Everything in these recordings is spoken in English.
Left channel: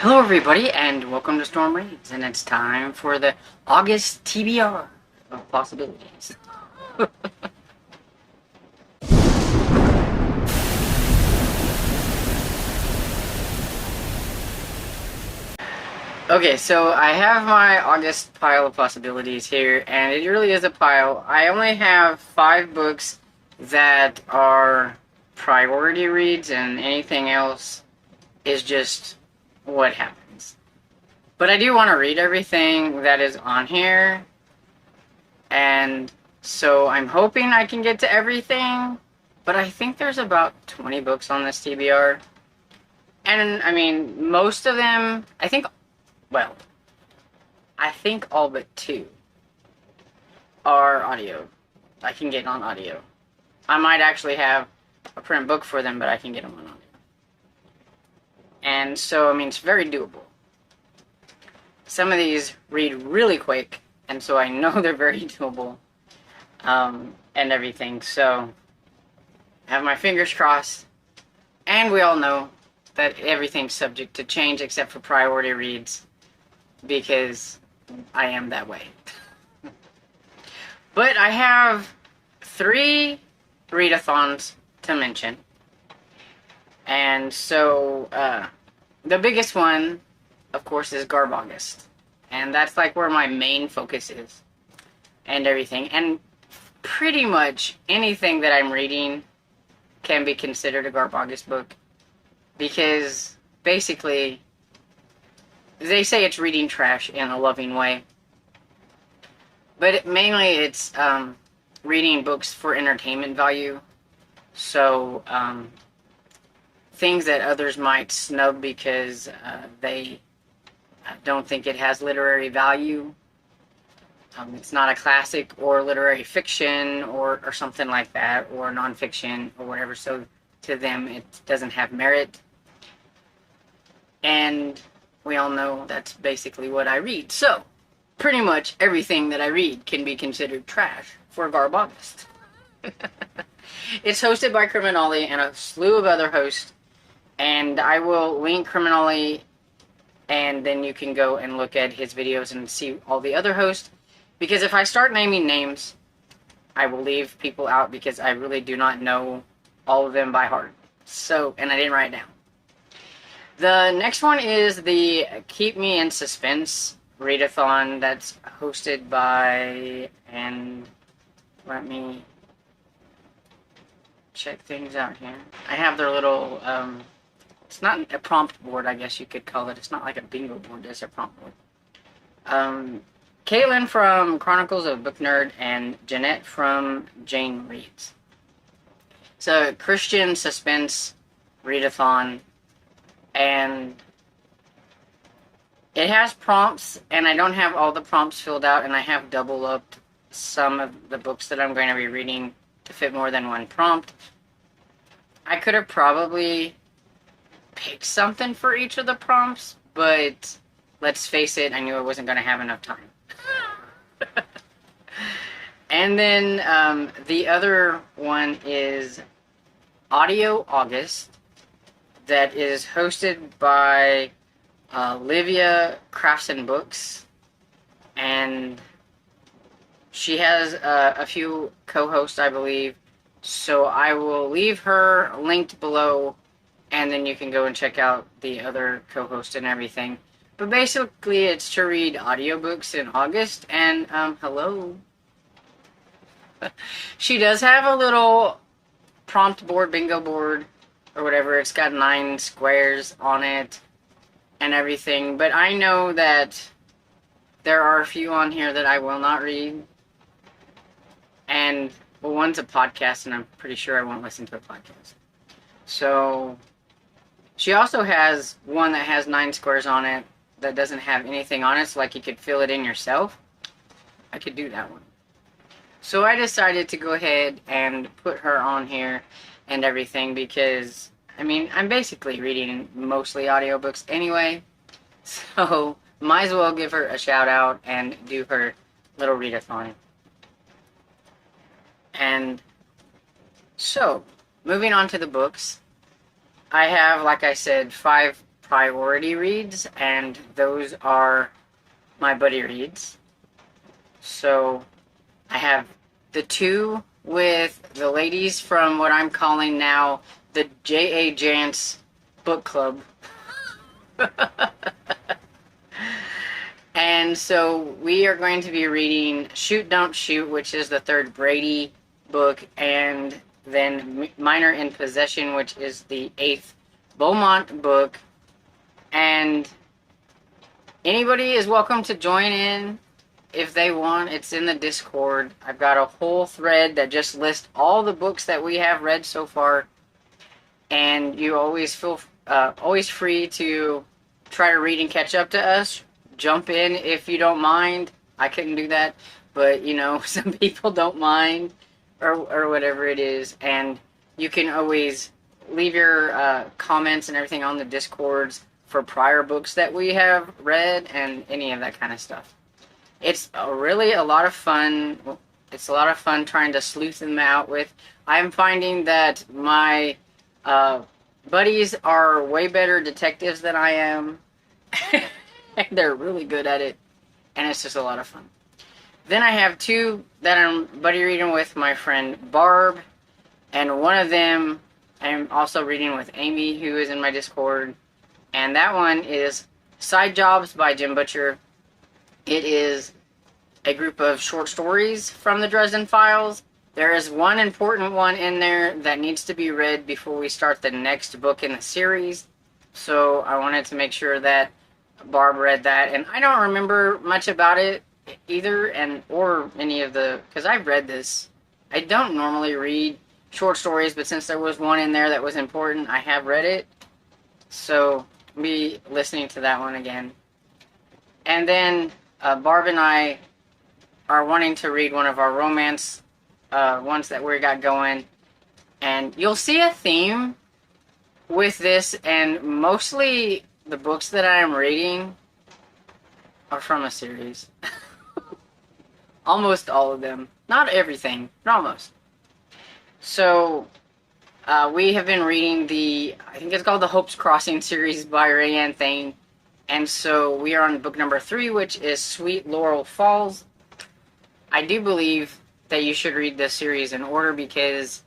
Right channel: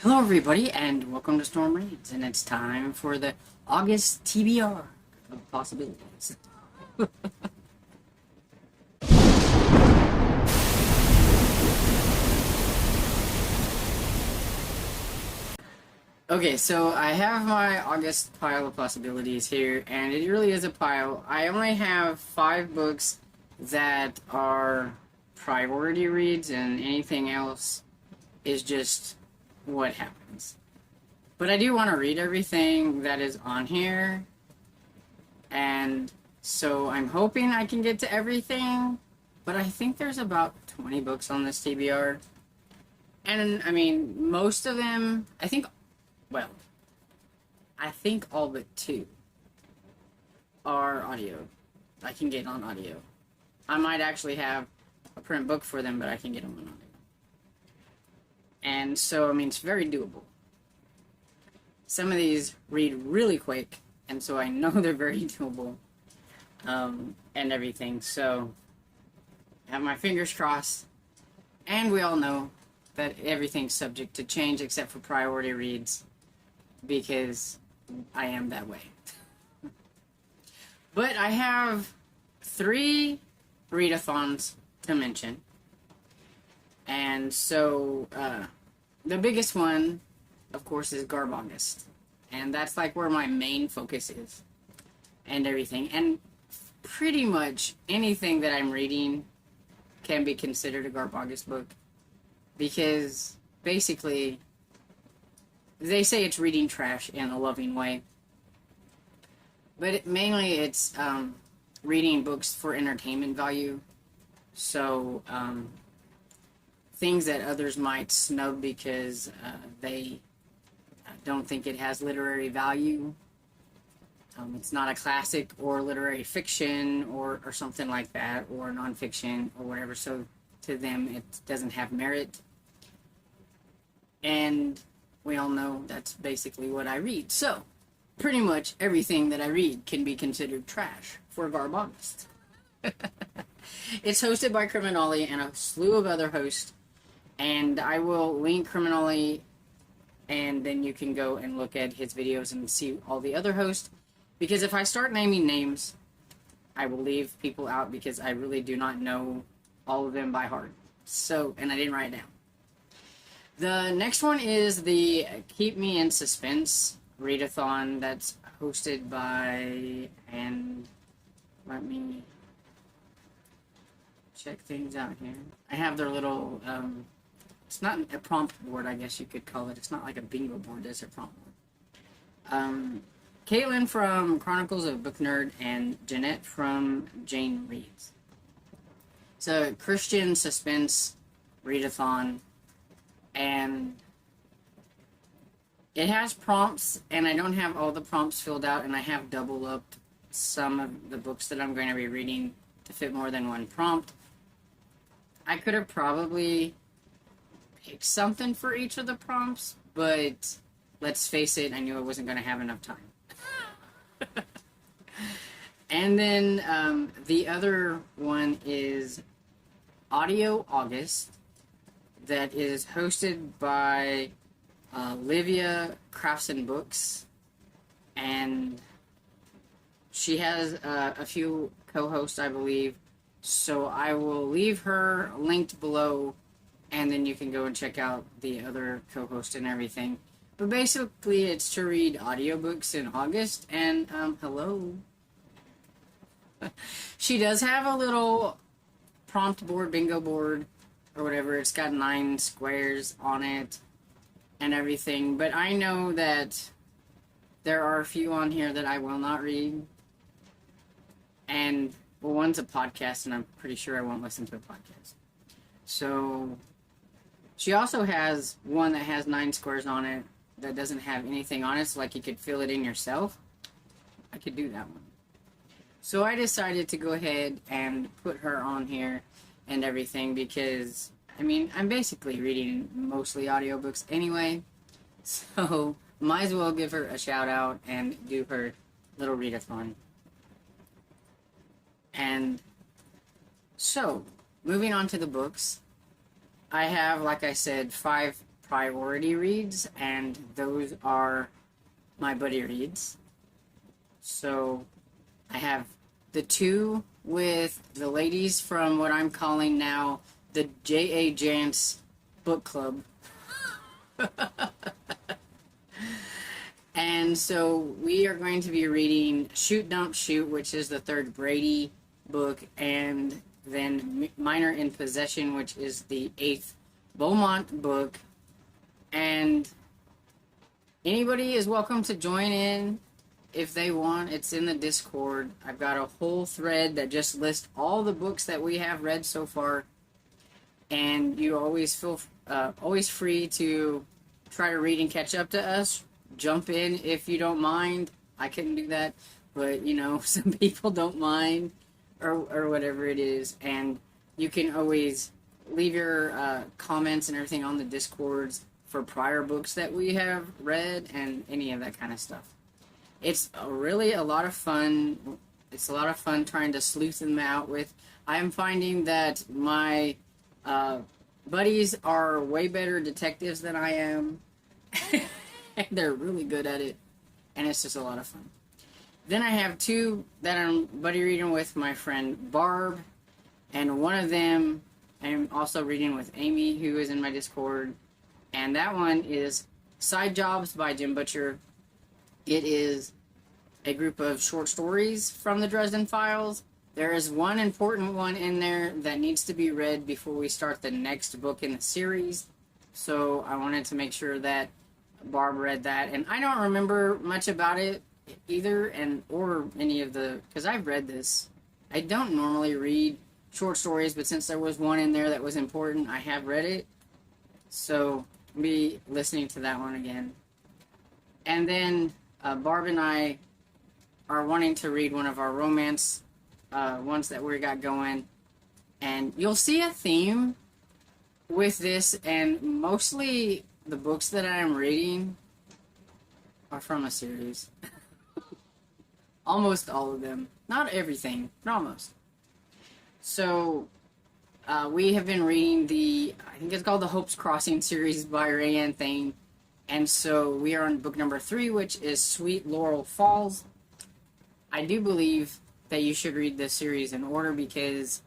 Hello everybody and welcome to Storm Reads, and it's time for the August TBR of possibilities. Okay, so I have my August pile of possibilities here, and it really is a pile. I only have 5 books that are priority reads, and anything else is just what happens. But I do want to read everything that is on here, and so I'm hoping I can get to everything, but I think there's about 20 books on this TBR. And, I mean, most of them, I think all but 2 are audio. I can get on audio. I might actually have a print book for them, but I can get them on audio. And so, I mean, it's very doable. Some of these read really quick, and so I know they're very doable, and everything. So, I have my fingers crossed, and we all know that everything's subject to change except for priority reads, because I am that way. But I have 3 readathons to mention, and so the biggest one, of course, is Garbaugust, and that's like where my main focus is and everything. And pretty much anything that I'm reading can be considered a Garbaugust book, because basically they say it's reading trash in a loving way, but mainly it's reading books for entertainment value. So things that others might snub because they don't think it has literary value. It's not a classic or literary fiction or something like that, or nonfiction or whatever, so to them it doesn't have merit. And we all know that's basically what I read. So, pretty much everything that I read can be considered trash for Garbaugust. It's hosted by Criminale and a slew of other hosts, and I will link Criminale, and then you can go and look at his videos and see all the other hosts, because if I start naming names, I will leave people out, because I really do not know all of them by heart. So, and I didn't write it down. The next one is the Keep Me in Suspense readathon that's hosted by, and let me check things out here. I have their little, it's not a prompt board, I guess you could call it. It's not like a bingo board, it's a prompt board. Caitlin from Chronicles of Book Nerd and Jeanette from Jane Reads. It's a Christian suspense readathon, and it has prompts, and I don't have all the prompts filled out, and I have double upped some of the books that I'm going to be reading to fit more than one prompt. I could have probably picked something for each of the prompts, but let's face it, I knew I wasn't going to have enough time. And then the other one is Audio August, that is hosted by Livia Crafts and Books, and she has a few co-hosts, I believe, so I will leave her linked below, and then you can go and check out the other co-host and everything. But basically, it's to read audiobooks in August, and hello. She does have a little prompt board, bingo board, or whatever. It's got 9 squares on it and everything, but I know that there are a few on here that I will not read, and well, one's a podcast, and I'm pretty sure I won't listen to a podcast. So she also has one that has 9 squares on it that doesn't have anything on it, so like you could fill it in yourself. I could do that one. So I decided to go ahead and put her on here and everything, because I mean, I'm basically reading mostly audiobooks anyway, so might as well give her a shout out and do her little readathon. And so, moving on to the books, I have, like I said, 5 priority reads, and those are my buddy reads. So I have the two with the ladies from what I'm calling now the J.A. Jance Book Club. And so we are going to be reading Shoot Don't Shoot, which is the third Brady book, and then Minor in Possession, which is the 8th Beaumont book. And anybody is welcome to join in if they want. It's in the Discord. I've got a whole thread that just lists all the books that we have read so far, and you always feel always free to try to read and catch up to us. Jump in if you don't mind. I couldn't do that, but you know, some people don't mind, or whatever it is, and you can always leave your comments and everything on the Discords for prior books that we have read and any of that kind of stuff. It's really a lot of fun. It's a lot of fun trying to sleuth them out with. I'm finding that my buddies are way better detectives than I am. They're really good at it, and it's just a lot of fun. Then I have two that I'm buddy reading with my friend Barb, and one of them I'm also reading with Amy, who is in my Discord, and that one is Side Jobs by Jim Butcher. It is a group of short stories from the Dresden Files. There is one important one in there that needs to be read before we start the next book in the series, so I wanted to make sure that Barb read that, and I don't remember much about it either, or any of the, because I've read this. I don't normally read short stories, but since there was one in there that was important, I have read it, so I'll be listening to that one again. And then Barb and I are wanting to read one of our romance ones that we got going, and you'll see a theme with this, and mostly the books that I'm reading are from a series. Almost all of them. Not everything, but almost. So, we have been reading I think it's called the Hopes Crossing series by Rayanne Thane. And so we are on book number 3, which is Sweet Laurel Falls. I do believe that you should read this series in order because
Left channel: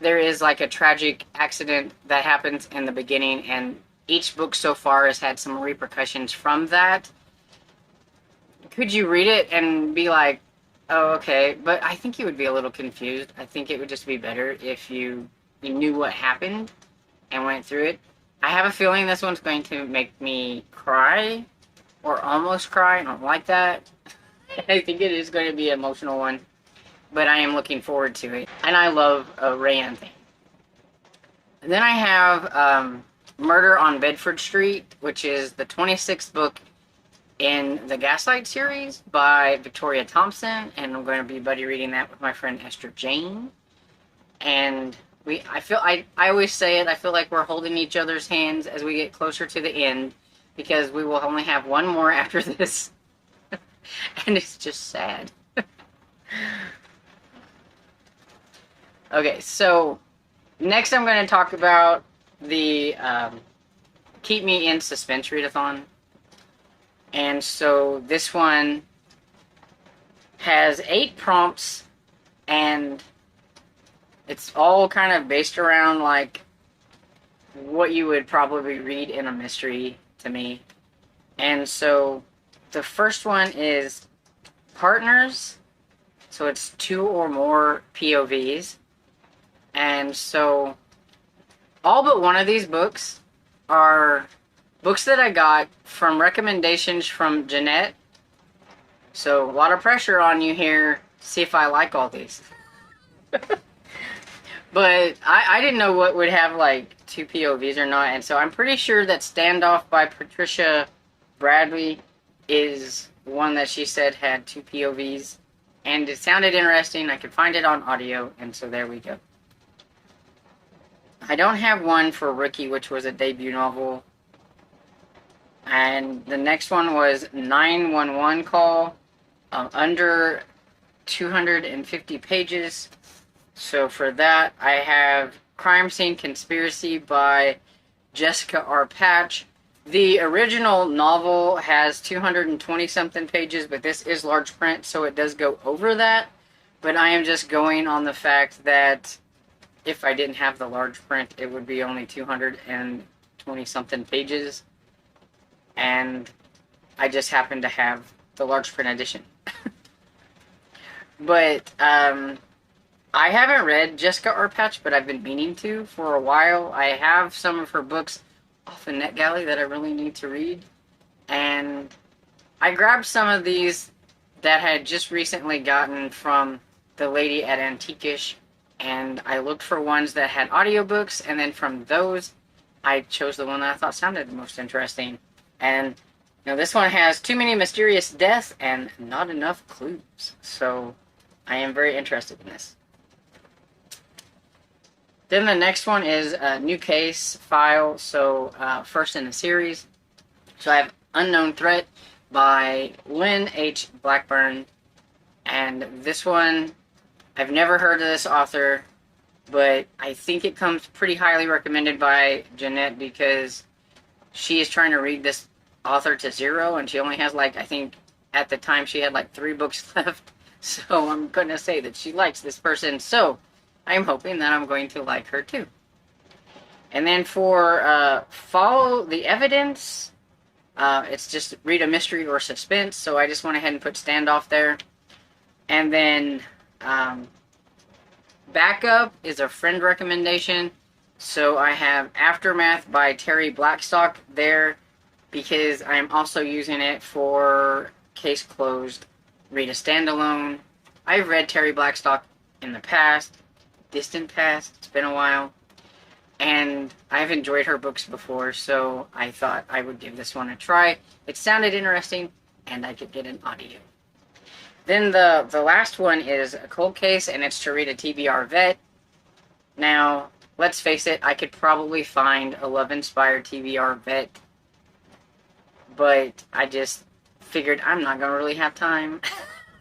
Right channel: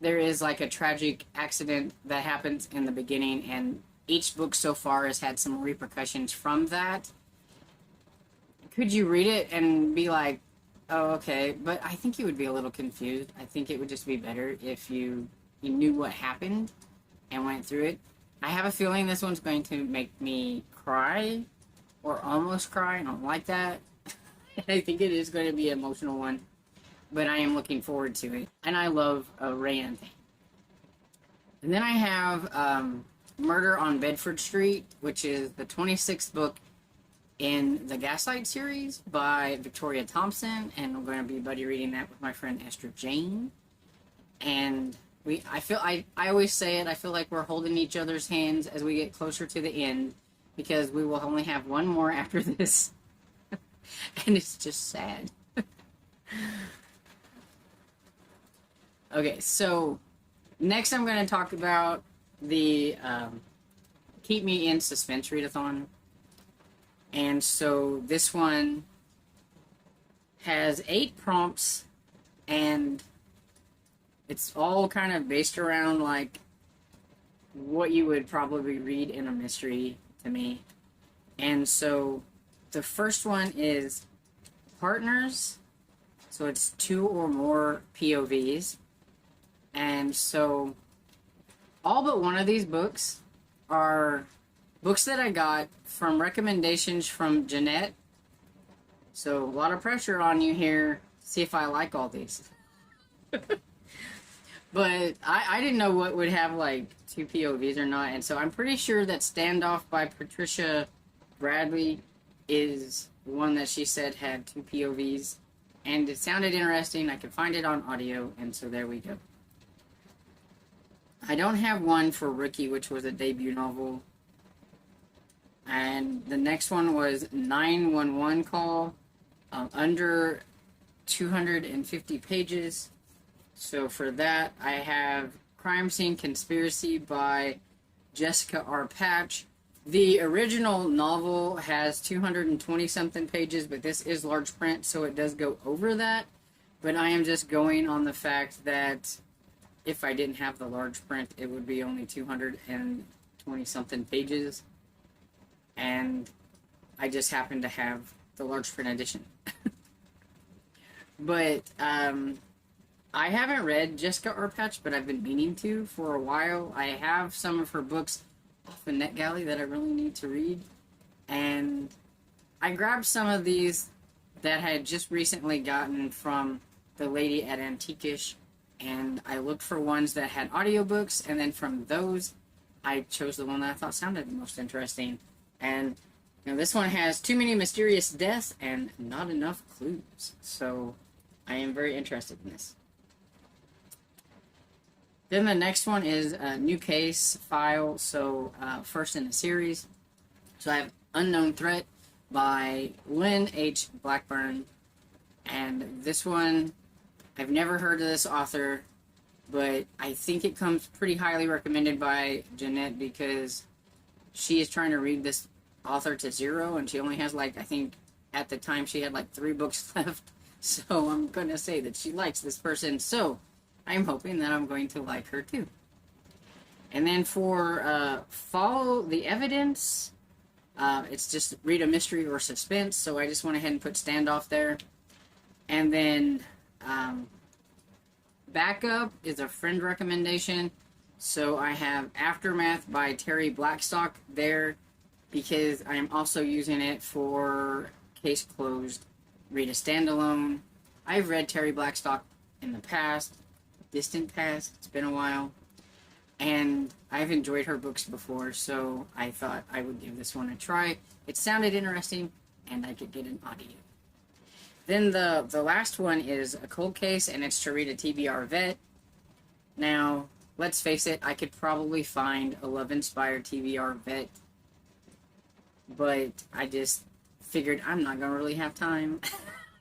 there is like a tragic accident that happens in the beginning, and each book so far has had some repercussions from that. Could you read it and be like, oh, okay, but I think you would be a little confused. I think it would just be better if you knew what happened and went through it. I have a feeling this one's going to make me cry, or almost cry. I don't like that. I think it is going to be an emotional one, but I am looking forward to it. And I love Rayanne Thane. And then I have Murder on Bedford Street, which is the 26th book in the Gaslight series by Victoria Thompson, and I'm going to be buddy reading that with my friend Esther Jane. And I always say it, I feel like we're holding each other's hands as we get closer to the end, because we will only have one more after this. And it's just sad. Okay, so next I'm going to talk about the Keep Me In Suspense readathon. And so this one has 8 prompts, and it's all kind of based around like what you would probably read in a mystery to me. And so the first one is Partners. So it's 2 or more POVs. And so all but one of these books are books that I got from recommendations from Jeanette. So a lot of pressure on you here. See if I like all these. But I didn't know what would have like 2 POVs or not. And so I'm pretty sure that Standoff by Patricia Bradley is one that she said had 2 POVs. And it sounded interesting. I could find it on audio. And so there we go. I don't have one for Rookie, which was a debut novel. And the next one was 911 Call, under 250 pages. So for that, I have Crime Scene Conspiracy by Jessica R. Patch. The original novel has 220 something pages, but this is large print, so it does go over that. But I am just going on the fact that if I didn't have the large print, it would be only 220 something pages. And I just happen to have the large print edition. But I haven't read Jessica R. Patch, but I've been meaning to for a while. I have some of her books off of NetGalley that I really need to read. And I grabbed some of these that I had just recently gotten from the lady at Antiquish, and I looked for ones that had audiobooks, and then from those, I chose the one that I thought sounded the most interesting. And, you know, this one has too many mysterious deaths and not enough clues. So, I am very interested in this. Then the next one is a new case file, so first in the series. So I have Unknown Threat by Lynn H. Blackburn, and this one, I've never heard of this author, but I think it comes pretty highly recommended by Jeanette because she is trying to read this author to zero, and she only has like, I think at the time she had like 3 books left, so I'm going to say that she likes this person, so I'm hoping that I'm going to like her too. And then for Follow the Evidence, it's just read a mystery or suspense, so I just went ahead and put Standoff there. And then Backup is a friend recommendation, so I have Aftermath by Terry Blackstock there because I'm also using it for Case Closed, read a standalone. I've read Terry Blackstock in the past, distant past, it's been a while, and I've enjoyed her books before, so I thought I would give this one a try. It sounded interesting, and I could get an audio. Then the last one is a cold case, and it's to read a TBR vet. Now, let's face it, I could probably find a love-inspired TBR vet, but I just figured I'm not going to really have time.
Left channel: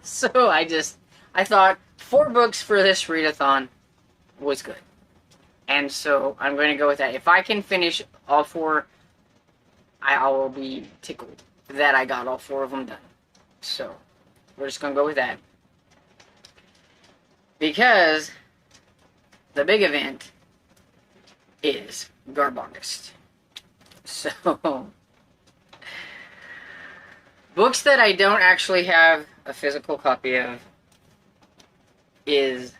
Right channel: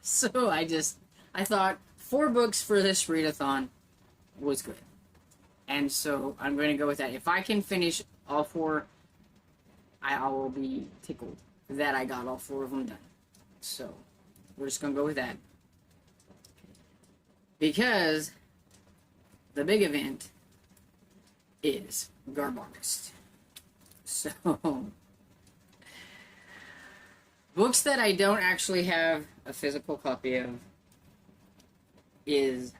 So I thought 4 books for this readathon was good. And so I'm going to go with that. If I can finish all 4, I will be tickled that I got all 4 of them done. So we're just going to go with that. Because the big event is Garbaugust. So, books that I don't actually have a physical copy of is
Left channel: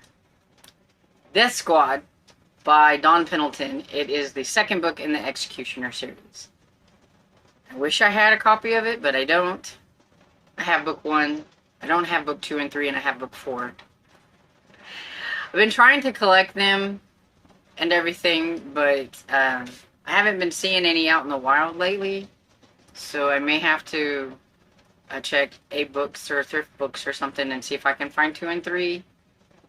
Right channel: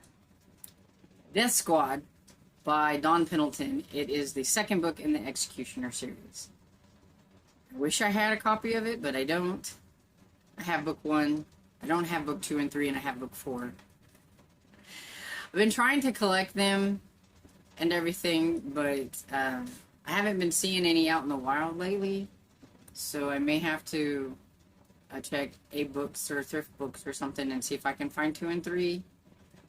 Death Squad by Don Pendleton. It is the 2nd book in the Executioner series. I wish I had a copy of it, but I don't. I have book 1. I don't have book 2 and 3, and I have book 4. I've been trying to collect them and everything, but I haven't been seeing any out in the wild lately, so I may have to check A-Books or Thrift Books or something and see if I can find 2 and 3.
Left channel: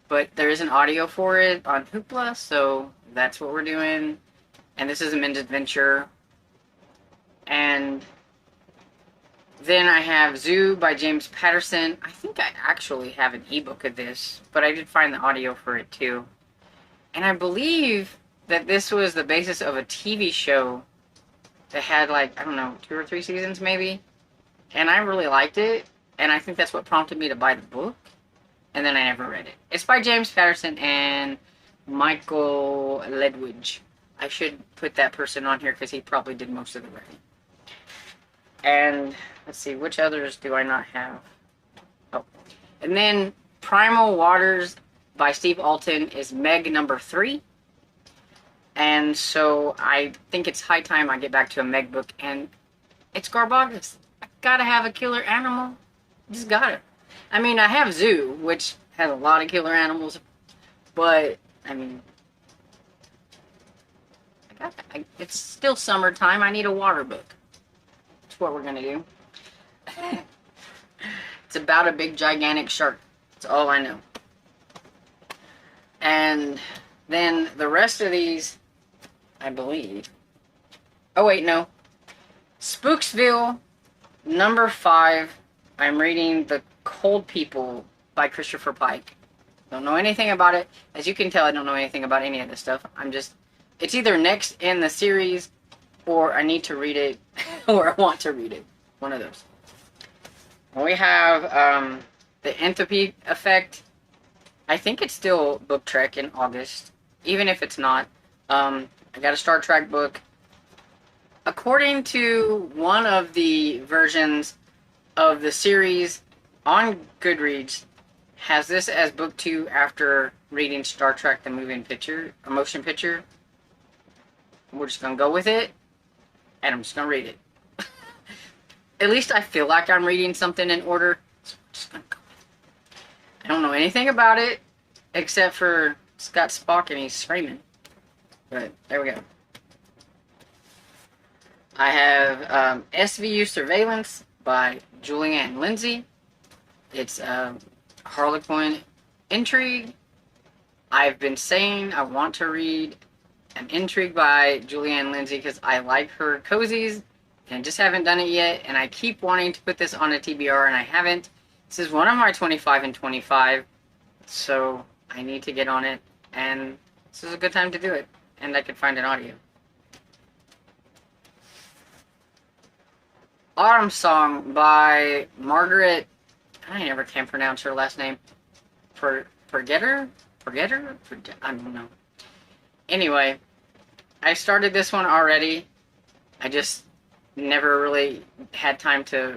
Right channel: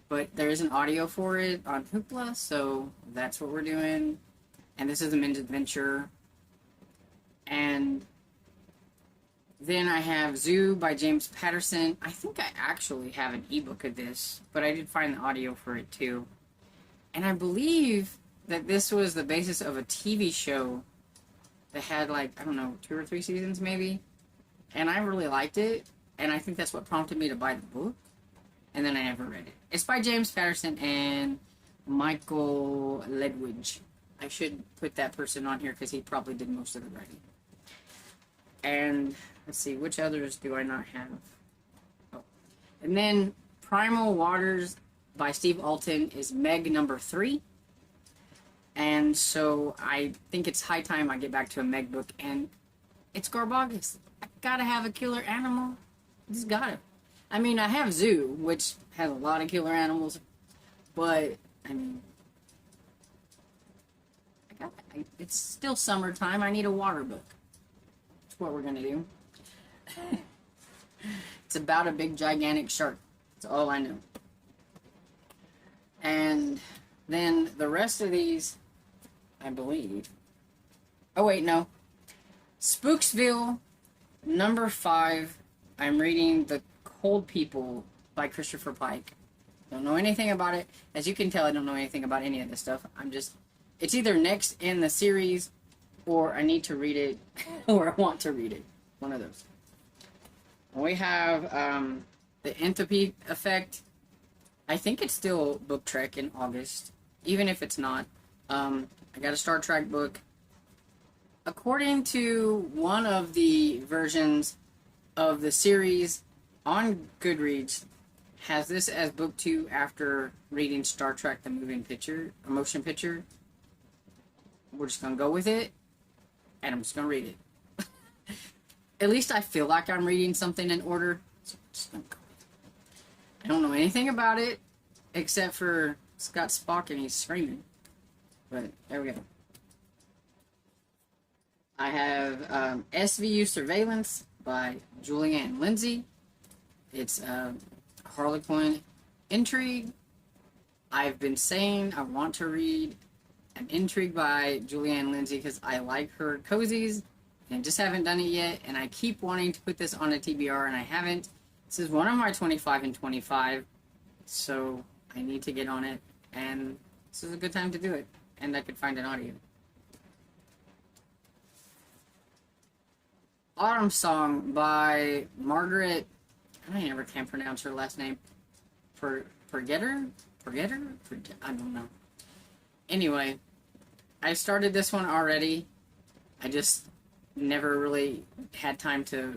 But there is an audio for it on Hoopla, so that's what we're doing. And this is a men's adventure. And then I have Zoo by James Patterson. I think I actually have an ebook of this, but I did find the audio for it too. And I believe that this was the basis of a TV show that had like, I don't know, 2 or 3 seasons maybe. And I really liked it, and I think that's what prompted me to buy the book. And then I never read it. It's by James Patterson and Michael Ledwidge. I should put that person on here because he probably did most of the writing. And let's see, which others do I not have? Oh, and then Primal Waters by Steve Alton is Meg number 3. And so I think it's high time I get back to a Meg book, and it's Garbaugust. I gotta have a killer animal. Just gotta. I mean, I have Zoo, which has a lot of killer animals, but, I mean, it's still summertime. I need a water book. That's what we're gonna do. It's about a big, gigantic shark. That's all I know. And then the rest of these, I believe. Oh, wait, no. Spooksville, number 5. I'm reading The Cold People by Christopher Pike. Don't know anything about it. As you can tell, I don't know anything about any of this stuff. It's either next in the series or I need to read it, or I want to read it. One of those. We have the Enthropy Effect. I think it's still Book Trek in August, even if it's not. I got a Star Trek book. According to one of the versions of the series on Goodreads, has this as book 2 after reading Star Trek the Moving Picture, a motion picture. We're just gonna go with it, and I'm just gonna read it. At least I feel like I'm reading something in order, so I'm just gonna go with it. I don't know anything about it, except for it's got Spock and he's screaming. But there we go. I have SVU Surveillance by Julianne Lindsay. It's Harlequin intrigue. I've been saying I want to read an intrigue by Julianne Lindsay because I like her cozies, and I just haven't done it yet, and I keep wanting to put this on a TBR, and I haven't. This is one of my 25 and 25, so I need to get on it, and this is a good time to do it, and I could find an audio. Autumn Song by Margaret, I never can pronounce her last name, Forgetter? I don't know. Anyway, I started this one already. I just never really had time to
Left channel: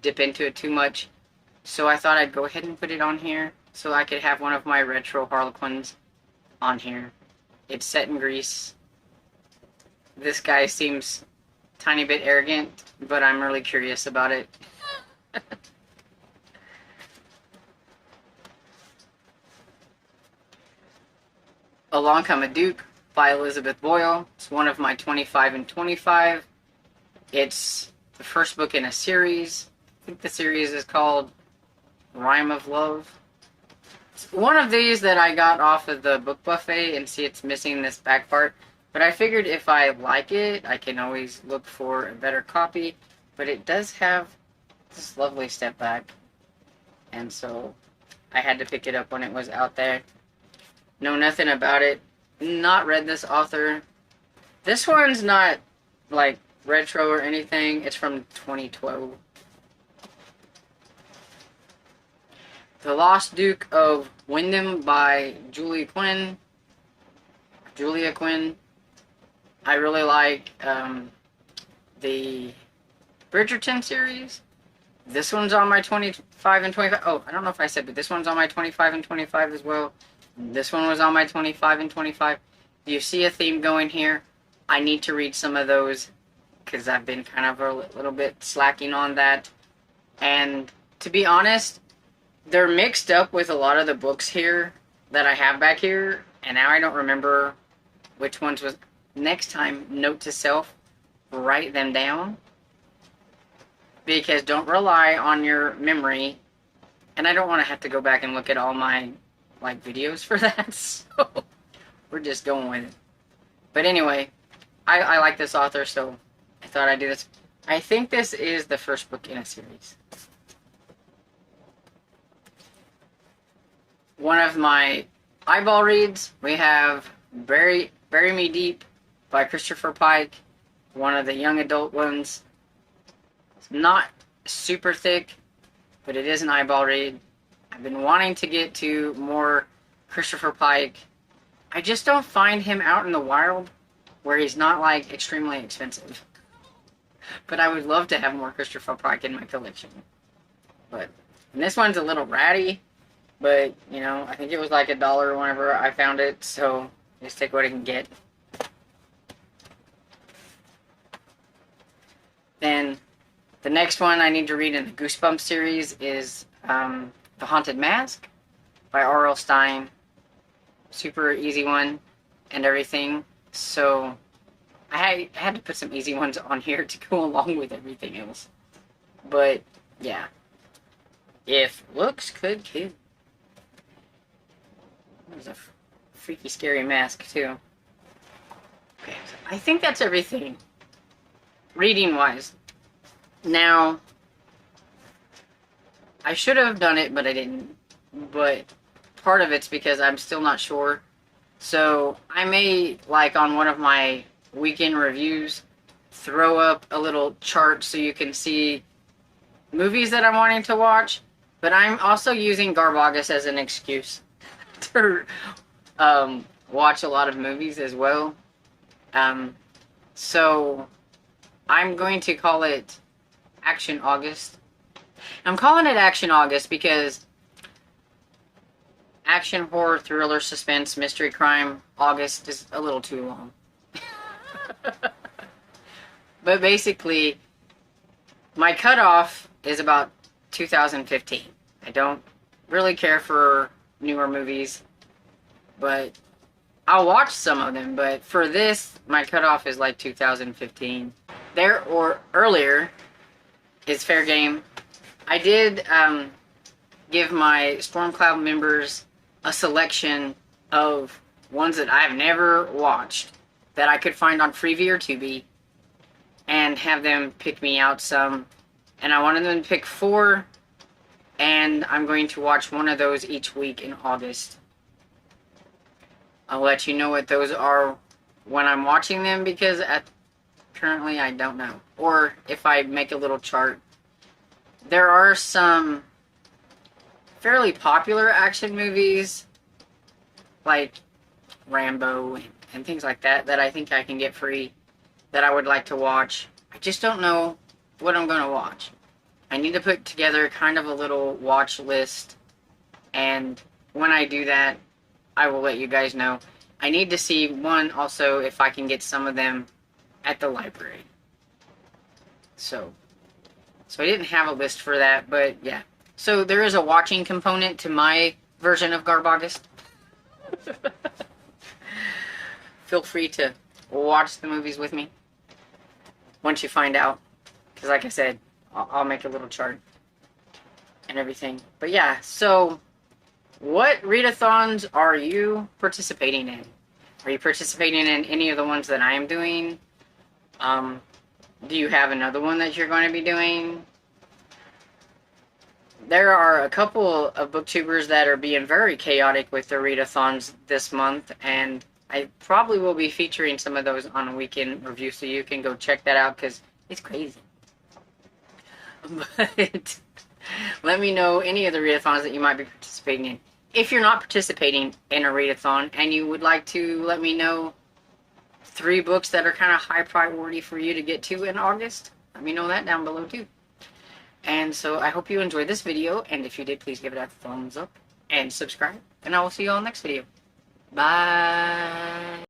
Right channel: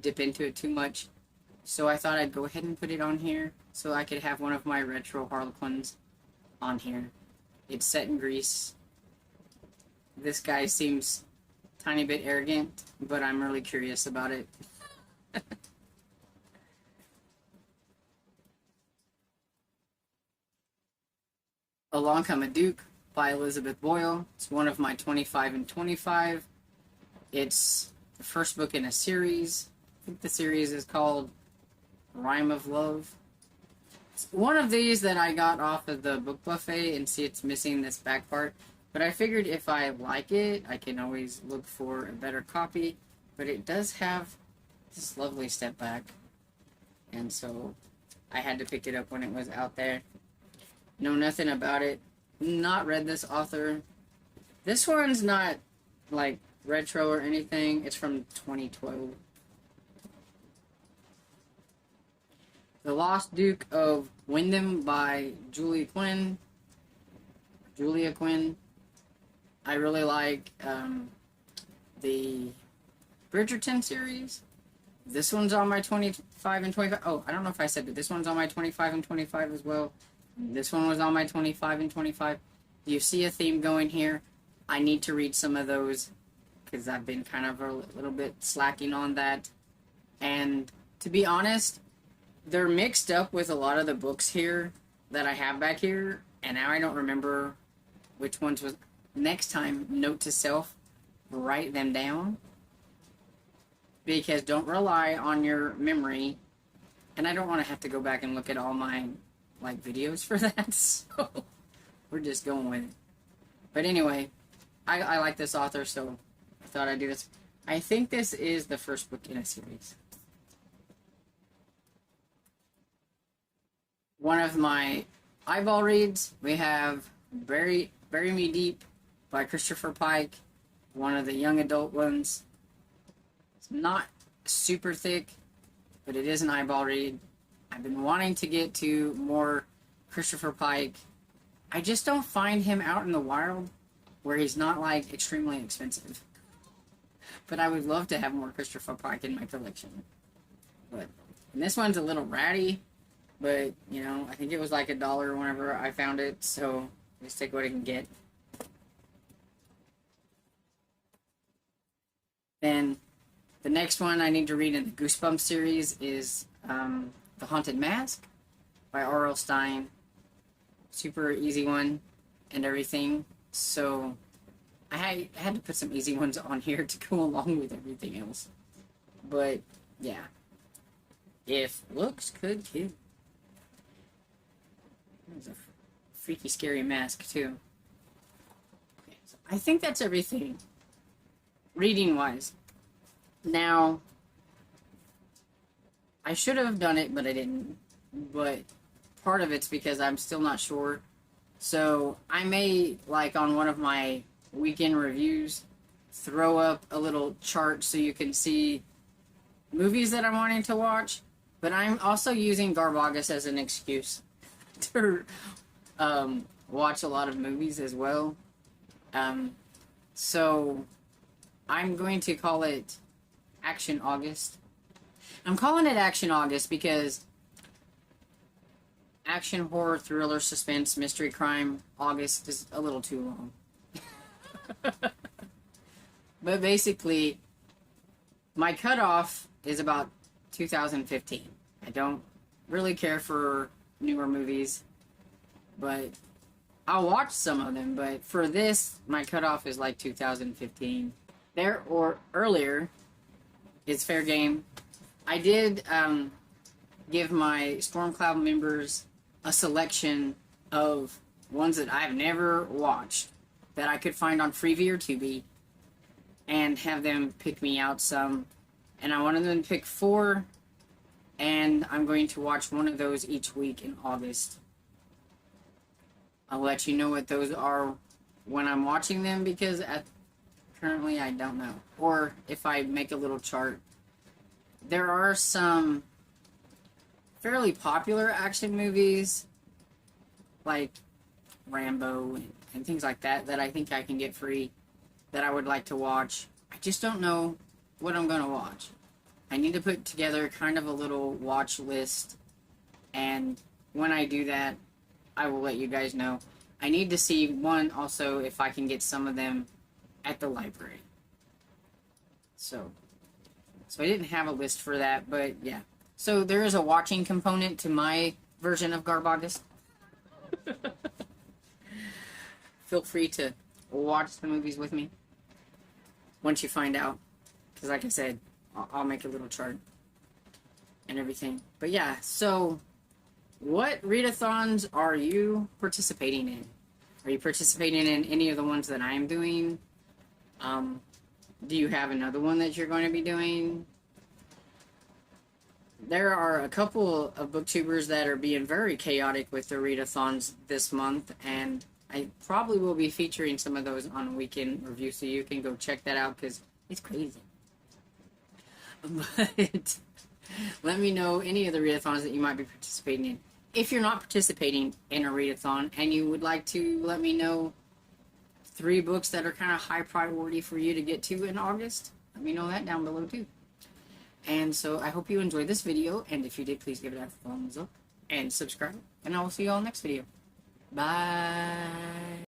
dip into it too much. So I thought I'd go ahead and put it on here so I could have one of my retro Harlequins on here. It's set in Greece. This guy seems a tiny bit arrogant, but I'm really curious about it. Along Come a Duke by Elizabeth Boyle. It's one of my 25 and 25. It's the first book in a series. I think the series is called Rhyme of Love. It's one of these that I got off of the book buffet, and see it's missing this back part. But I figured if I like it, I can always look for a better copy. But it does have this lovely step back. And so I had to pick it up when it was out there. Know nothing about it. Not read this author. This one's not like retro or anything. It's from 2012. The Lost Duke of Windom by Julia Quinn. I really like the Bridgerton series. This one's on my 25 and 25. Oh, I don't know if I said, but this one's on my 25 and 25 as well. This one was on my 25 and 25. Do you see a theme going here? I need to read some of those because I've been kind of a little bit slacking on that. And to be honest, they're mixed up with a lot of the books here that I have back here. And now I don't remember which ones was. Next time, note to self, write them down. Because don't rely on your memory. And I don't want to have to go back and look at all my videos for that, so we're just going with it. But anyway, I like this author, so I thought I'd do this. I think this is the first book in a series. One of my eyeball reads, we have Bury Me Deep by Christopher Pike, one of the young adult ones. It's not super thick, but it is an eyeball read. I've been wanting to get to more Christopher Pike. I just don't find him out in the wild where he's not extremely expensive. But I would love to have more Christopher Pike in my collection. And this one's a little ratty, but I think it was like $1 whenever I found it, so just take what I can get. Then the next one I need to read in the Goosebumps series is The Haunted Mask by R.L. Stine. Super easy one and everything. So I had to put some easy ones on here to go along with everything else. But yeah. If looks could kill. There's a freaky scary mask too. Okay, so I think that's everything. Reading wise. Now, I should have done it, but I didn't. But part of it's because I'm still not sure. So I may, on one of my weekend reviews, throw up a little chart so you can see movies that I'm wanting to watch, but I'm also using Garbaugust as an excuse to watch a lot of movies as well. So I'm going to call it Action August. I'm calling it Action August because action, horror, thriller, suspense, mystery, crime, August is a little too long. But basically, my cutoff is about 2015. I don't really care for newer movies, but I'll watch some of them. But for this, my cutoff is like 2015. There or earlier is fair game. I did give my Stormcloud members a selection of ones that I've never watched that I could find on Freevee or Tubi and have them pick me out some. And I wanted them to pick 4, and I'm going to watch one of those each week in August. I'll let you know what those are when I'm watching them, because currently I don't know. Or if I make a little chart. There are some fairly popular action movies like Rambo and things like that that I think I can get free that I would like to watch. I just don't know what I'm going to watch. I need to put together kind of a little watch list, and when I do that, I will let you guys know. I need to see, one, also if I can get some of them at the library. So I didn't have a list for that, but yeah. So there is a watching component to my version of Garbaugust. Feel free to watch the movies with me once you find out, because like I said, I'll make a little chart and everything. But yeah, so what readathons are you participating in? Are you participating in any of the ones that I am doing? Do you have another one that you're going to be doing? There are a couple of booktubers that are being very chaotic with their readathons this month, and I probably will be featuring some of those on a weekend review, so you can go check that out because it's crazy. But let me know any of the readathons that you might be participating in. If you're not participating in a readathon and you would like to let me know 3 books that are kind of high priority for you to get to in August, let me know that down below too. And so I hope you enjoyed this video, and if you did, please give it a thumbs up and subscribe, and I will see you all next video. Bye.